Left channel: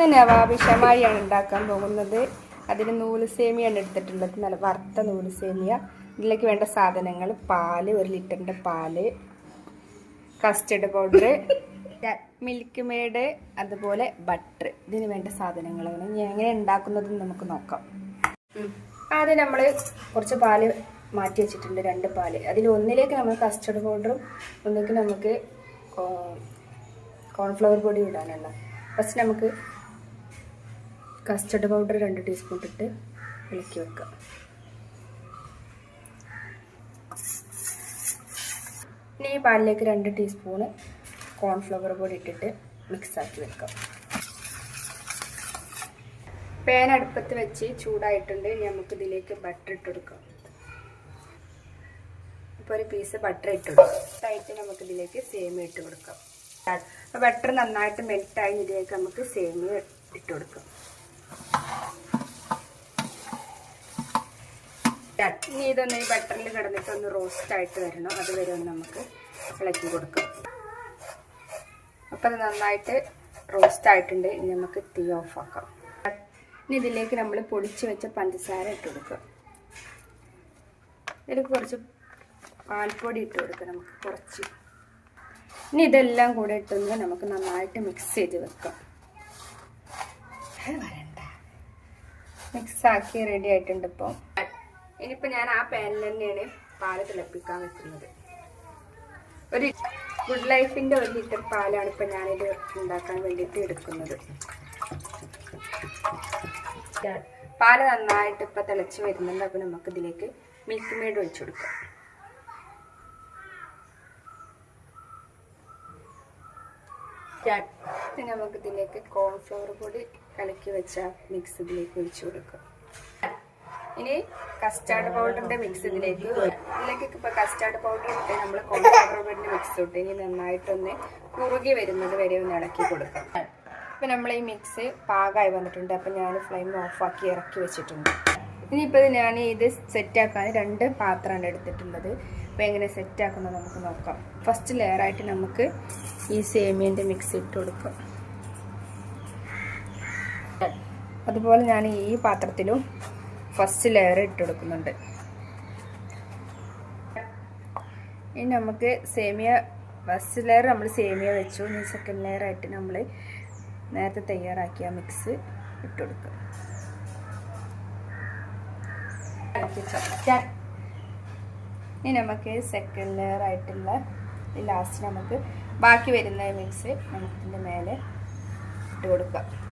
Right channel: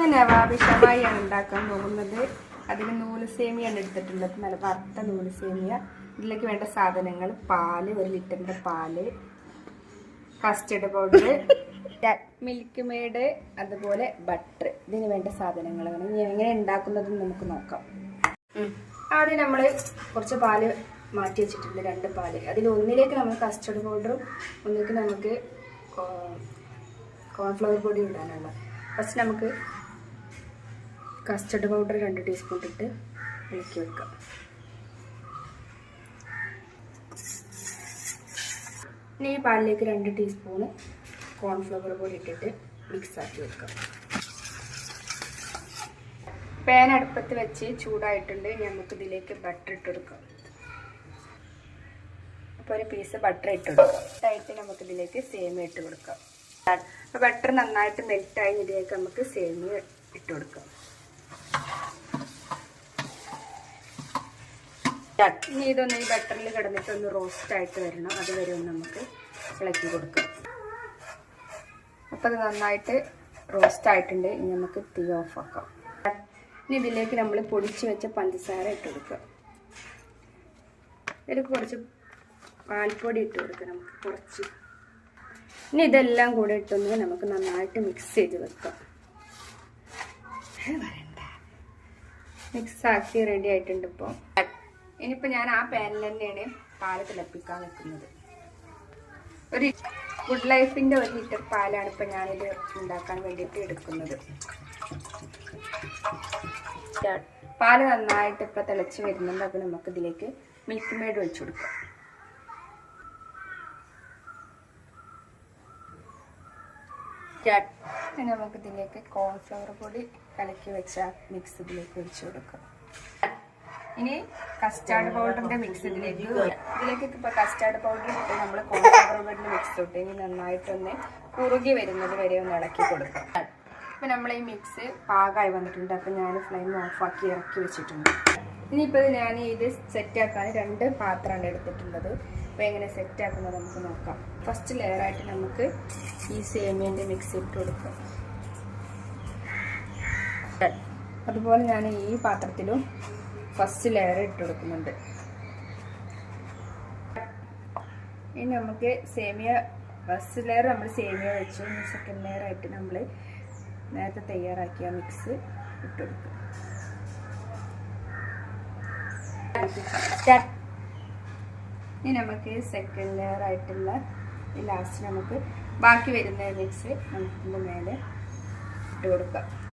ഇന്ന് നവാബ് ഷമായിയാണ് ഉണ്ടാക്കാൻ പോകുന്നത്. അതിന് നൂല് സേമിയാണ് എടുത്തിട്ടുള്ളത്, നല്ല വറുത്ത നൂല് സേമിയ. ഇതിലേക്ക് വേണ്ട സാധനങ്ങൾ: പാല്, 1 ലിറ്ററിൻ്റെ പാല്, കസ്റ്റർഡ് പൗഡർ, മിൽക്ക് മെയ്ഡ്, അതുപോലെ ബട്ടർ. ഇതിന് വേണ്ട സാധനങ്ങളാണ്. ഇനി എങ്ങനെ ഉണ്ടാക്കുന്നതെന്ന് നമുക്ക് നോക്കാം. ആദ്യം നമ്മൾ കുറച്ച് പാല് മാറ്റി വെച്ചിട്ടുണ്ട്, 2 പാല്. അതിൽ ഒന്നിലേക്ക് നമ്മൾ കസ്റ്റർഡ് പൗഡറും ഒന്നിലേക്ക് നമുക്ക് കോൺഫ്ലവർ പൊടി ഇടാനുള്ള. ഫസ്റ്റ് നമുക്ക് കസ്റ്റർഡ് പൗഡർ 2 ടീസ്പൂൺ ഇട്ടിട്ട് ഇളക്കി വെക്കാം. ഇനി ഈ പാലിലേക്ക് 2 ടീസ്പൂണ് കോൺഫ്ലവർ പൊടി ഇട്ടിട്ട് മിക്സ് ആക്കി വെക്കാം. പാൻ അടുപ്പത്ത് വെച്ച് ചൂടായിട്ടുണ്ട്. ഇനി നമുക്ക് ഇതിലേക്ക് ബട്ടർ ഇട്ട് കൊടുക്കാം. അപ്പോൾ ഒരു പീസ് ബട്ടർ ഇട്ട് കൊടുക്കാം. ആയിട്ട് നമുക്ക് ഇതിലേക്ക് സേമിയ ഇട്ട് കൊടുക്കാം. അപ്പോൾ ബട്ടർ നന്നായിട്ട് മെൽറ്റായി ഇതിലേക്ക് നമുക്ക് സേമിയ ഇട്ട് കൊടുക്കാം. ഇനി ഇതൊന്ന് ഈ ബട്ടറിൽ കിടന്നിട്ട് ഒന്ന് റോസ്റ്റ് ആയിട്ട് വരണം. അതുവരെ ഒന്ന് നമുക്ക് ഇളക്കി കൊടുക്കാം. അപ്പോൾ അത് നന്നായിട്ട് റോസ്റ്റ് ആയിട്ടുണ്ട്. ഇനി നമുക്ക് തീ ഓഫ് ആക്കാം. ഇനി ഇതിലേക്ക് നമ്മൾ പൊടിച്ച് വെച്ച പഞ്ചസാര ഇട്ട് കൊടുക്കാം. ഇതിലേക്ക് കുറച്ച് പാൽപ്പൊടി ഇട്ട് കൊടുക്കാം. നമുക്ക് കുറച്ച്. ഇനി ഇതെല്ലാം കൂടെ ഇട്ടൊന്ന് നമുക്ക് നന്നായിട്ട് മിക്സ് ചെയ്ത് വെക്കാം. മിക്സ് ആക്കി റെഡി ആയിട്ടുണ്ട്. ഇപ്പോൾ ഇനിയിപ്പോൾ ഞാൻ ആ പാനിൽ തന്നെയാണ് പാല് തിളപ്പിക്കാൻ വെക്കുന്നത്. ഒരു ഗുഡ് ലൈഫിൻ്റെ 1 ലിറ്റർ പാലാണ് ഇപ്പോൾ ഞാനിത് ഉണ്ടാക്കാൻ വേണ്ടിയിട്ട് എടുക്കുന്നത്. പാല് നന്നായിട്ട് ഇപ്പോൾ തിളച്ച് വരുന്നുണ്ട്. അപ്പോൾ നമുക്കിതിലേക്ക് മിൽക്ക് മെയ്ഡ് ഒഴിച്ചു കൊടുക്കാം. പിന്നെ നമുക്കിതിലേക്ക് കോൺഫ്ലവർ പൊടി കലക്കി വെച്ച മിക്സ് ഇതിലേക്ക് ഒഴിച്ചു കൊടുക്കാം. ഇനി കസ്റ്റാർഡ് പൗഡറിൻ്റെ മിക്സ് ഇതിലേക്ക് ഇപ്പോൾ കസ്റ്റാർഡ് പൗഡർ ഇട്ട് നമ്മൾ കോൺഫ്ലവർ പൊടിൻ്റെ മിക്സ് ഇട്ട് ഇനി നന്നായിട്ടൊന്ന് കുറുകി വരുന്നത് വരെ ഒന്ന് ഇളക്കി കൊടുക്കാം. ഇപ്പം നമ്മൾ ഈ മിക്സ് പാകമായി വന്നിട്ടുണ്ട്. അപ്പം ഞാൻ ഫ്ലെയിം ഓഫാക്കി ഇറക്കി വെച്ചിട്ടുണ്ട്. ഇനിയിപ്പോൾ ഞാൻ ഇത് സെറ്റാക്കാൻ 2 പാത്രമാണ് എടുത്തിട്ടുള്ളത്. അപ്പോൾ എങ്ങനെ സെറ്റാക്കുന്നത് നമുക്ക് നോക്കാം. ഫസ്റ്റ് ലെയറായിട്ട് നമുക്ക് ഈ സേമിയൻ്റെ മിക്സ് ഇട്ട് കൊടുക്കാം. അതുപോലെ ഞാൻ ഈ പാത്രത്തിലും ഫസ്റ്റ് ലെയർ ഇട്ട് കൊടുക്കുന്നുണ്ട്. ഇനി നമുക്ക് സേമിയ ഫസ്റ്റ് ലെയർ നമ്മൾ സേമിയ വെച്ചു. ഇനി സെക്കൻഡ് ലെയർ ആയിട്ട് നമ്മൾ നേരത്തെ തയ്യാറാക്കിയ മിക്സ് ഇട്ട് കൊടുക്കുക. ഇനി നമുക്ക് സെക്കൻഡ് ലെയർ ആയിട്ടുള്ള ഈ ലാസ്റ്റ് നമുക്ക് ബാക്കി വരുന്ന മിക്സ് നമുക്കിതിൻ്റെ മേലെ ഇട്ട് കൊടുക്കാം.